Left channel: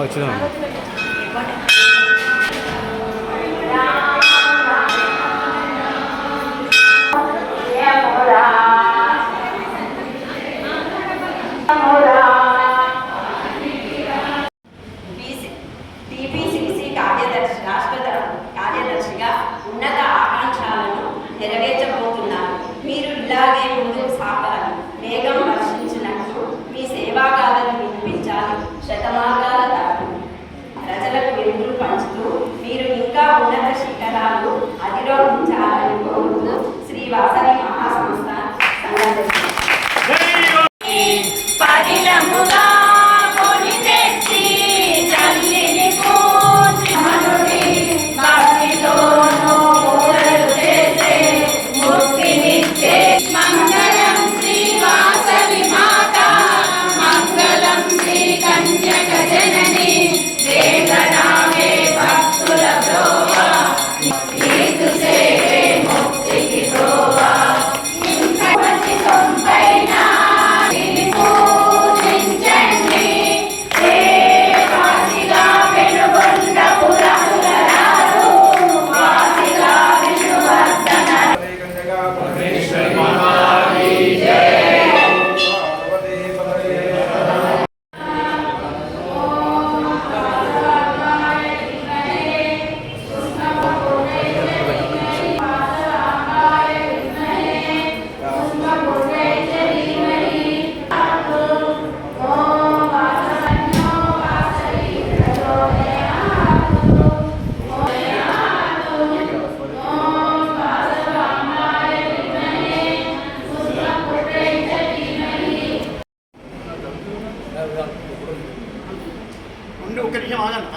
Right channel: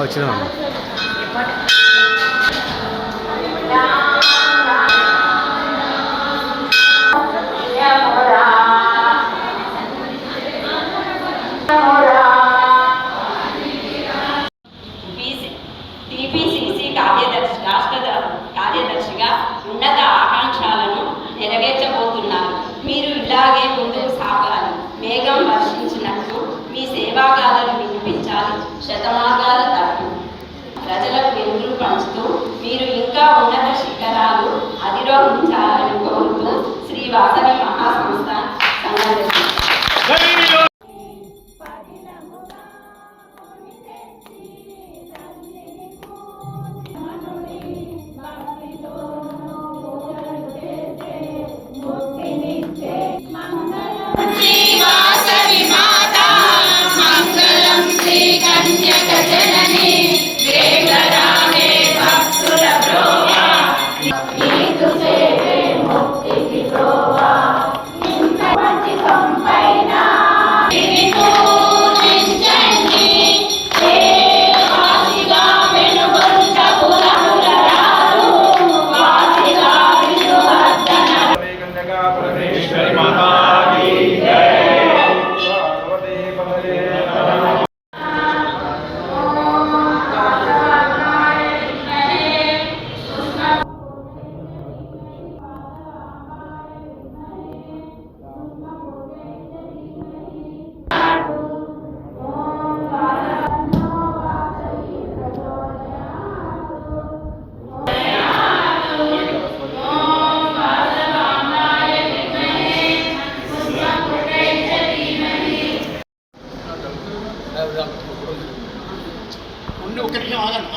వచ్చినాం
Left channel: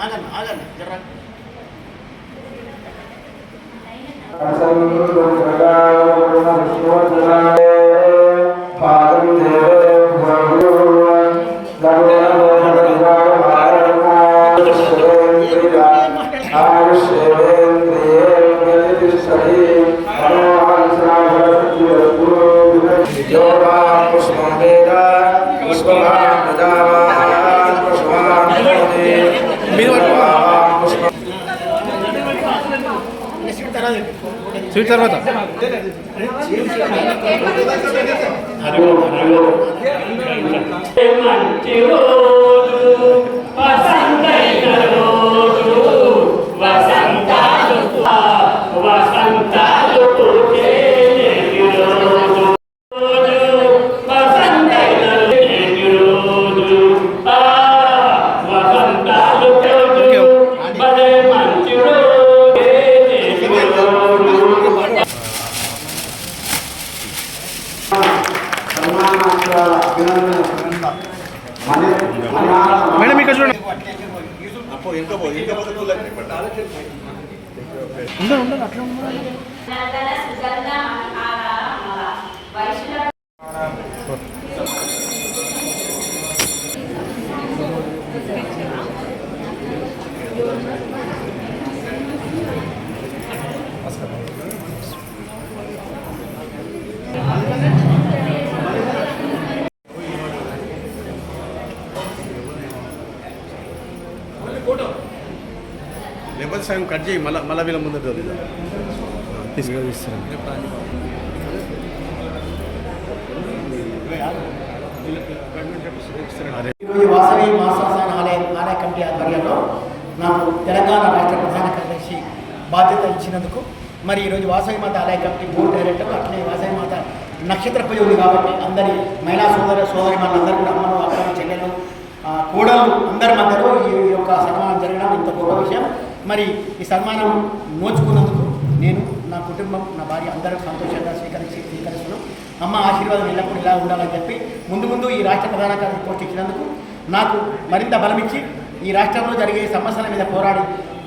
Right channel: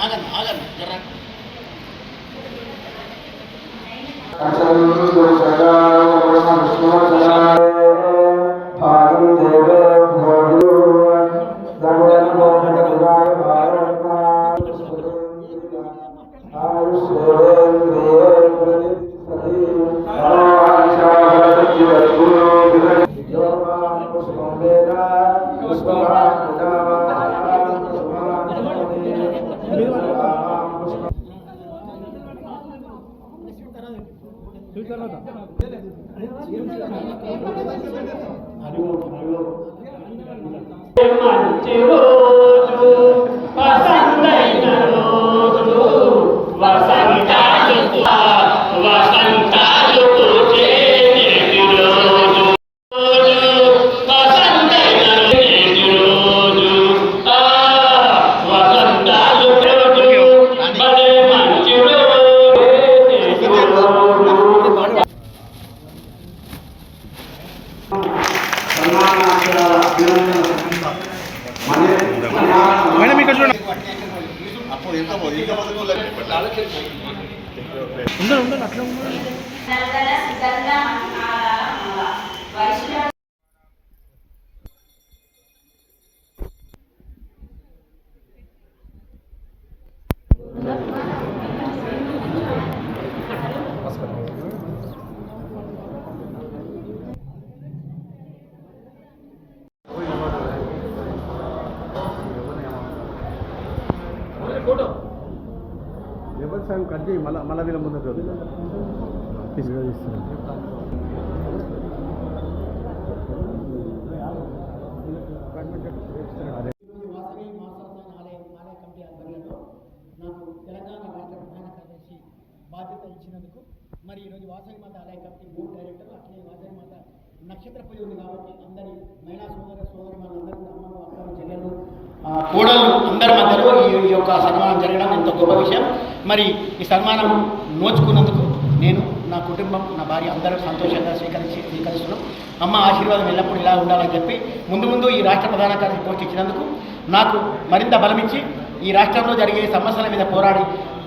ఆగండి ఆగండి ఆగండి జర పుష్ప స్వీట్ తర్వాత. మేడం ఇక్కడ చూడండి Thank you. మందార వైష్ణవ కట్ చేయి మళ్ళీ మళ్ళీ వీళ్ళ ముందు తీసుకొస్తాను వాసవి మాసాసాన ఆలయ ఆలయ కమిటీ ఆధ్వర్యంలో నాకు తెలంగాణ రాష్ట్ర ప్రధాన కార్యదర్శి బాధ్యత ఇచ్చినందుకు మరి ఈరోజు వాసవి మాత ఆలయ కమిటీ బోర్డు డైరెక్టర్ అట్లే వాసవి మాత నక్షత్ర పూజ ఉంది కాబట్టి అందరి మహిళా సోదర సోదరి మనందరూ కూడా అమ్మను అక్కలు చెల్లెలు కోడళ్ళు అందరి మధ్యలో ఈ యొక్క సన్మానం జరగడం ఎంతో గొప్ప విషయం. మరి ఈ సన్మానం నోచుకున్నందుకు నేను నా కుటుంబం నా భార్య అందరూ సంతోషంగా స్వీకరించి స్వీకరిస్తున్నాం. అమ్మ ఆశీర్వాదం ఎల్లప్పుడూ ఇలా ఉండాలని చెప్పి ముందు ముందు ఈ రాష్ట్ర ప్రధాన కార్యదర్శి పోస్ట్ ఇచ్చినందుకు నాకు మరింత బలమిచ్చి ఈ రాష్ట్రంలో జరిగే సమస్యల మీద పోరాడి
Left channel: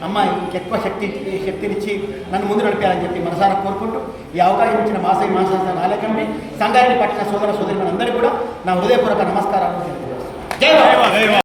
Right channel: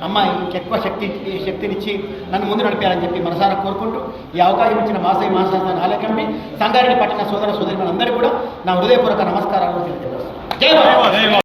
అమ్మ ఇంకెక్కువ శక్తి శక్తినిచ్చి నన్ను ముందు నడిపారని చెప్పి మనసారా కోరుకుంటూ ఈ అవకాశం ఇచ్చిన మాసై మాసాసన ఆలకంపి సంగారెడ్డి పట్టిన సోదర సోదరి మనందరికీ కూడా నా హృదయపూర్వక నమస్కారాలు తెలియజేస్తాను Game over.